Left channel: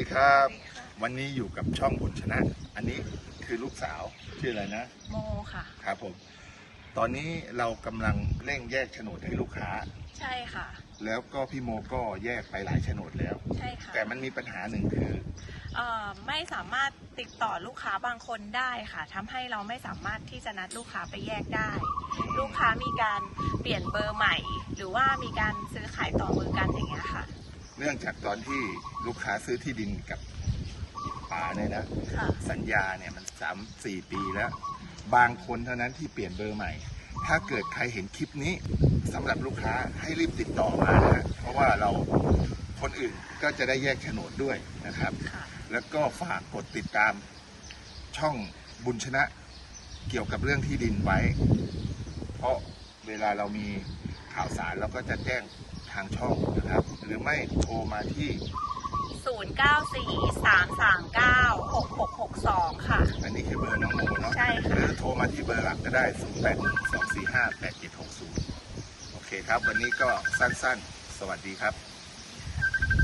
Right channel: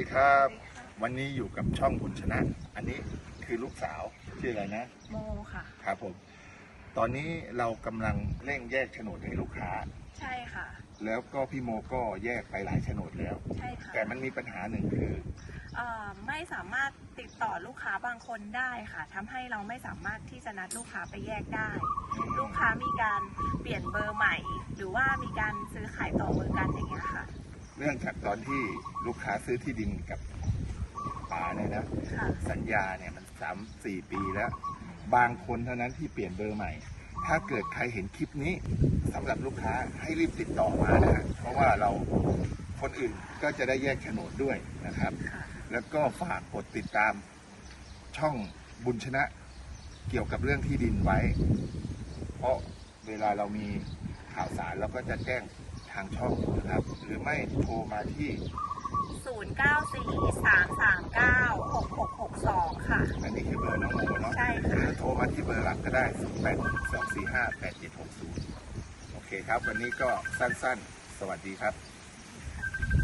สวัสดีครับ วันนี้อยู่กับช่องบุญชนะ อันนี้คือลูกสาวชื่ออะไรนะ โมค่ะ ครับผม ตอนนี้เรากำลังเร่งแยกโฉนดให้ลูกค้า ใช่ค่ะ แล้วก็พี่โมก็แยกไปหลายโฉนดแล้ว ใช่ค่ะแต่มันมีปัญหาหนึ่งคือเอ่อไม่สามารถติดต่อลูกค้าบางคนได้ค่ะทำให้เราไม่สามารถที่จะนัดลูกค้าไปแยกได้ ลูกค้ามีการเปลี่ยนเบอร์ใหม่ หรือว่ามีการซื้อขายต่อเบอร์กันอย่างเงี้ยค่ะ เนื่องจากตอนที่ลูกค้าซื้อที่ดินกับป๋าเนี่ยนะค่ะ สัญญาเนี่ยมันสามสี่ปีแล้ว บางคนเท่านั้นที่เปลี่ยนเบอร์ใหม่ ถ้าเกิดใครเห็นคลิปนี้สำหรับลูกค้าให้รีบติดต่อมานะฮะเพราะว่าเราคนอื่นก็จะได้แยกโฉนดด้วยนะครับ ค่ะ แล้วก็ฝากกดติดตามช่องบุญชนะเกี่ยวกับเรื่องที่ดินไว้ เพราะเวลาเรามีข่าวสารเราก็จะแจ้ง ทางช่องนะครับ หรือไม่โทรมาที่ 0943396662 ค่ะ อันนี้คือเบอร์น้องโมเนาะใช่ค่ะ หรือโทรมาที่เบอร์หลักก็ได้ 0 8 2 4 5 8 7 6 0 โอเคครับ วันนี้ก็สั้นๆ สวัสดีครับ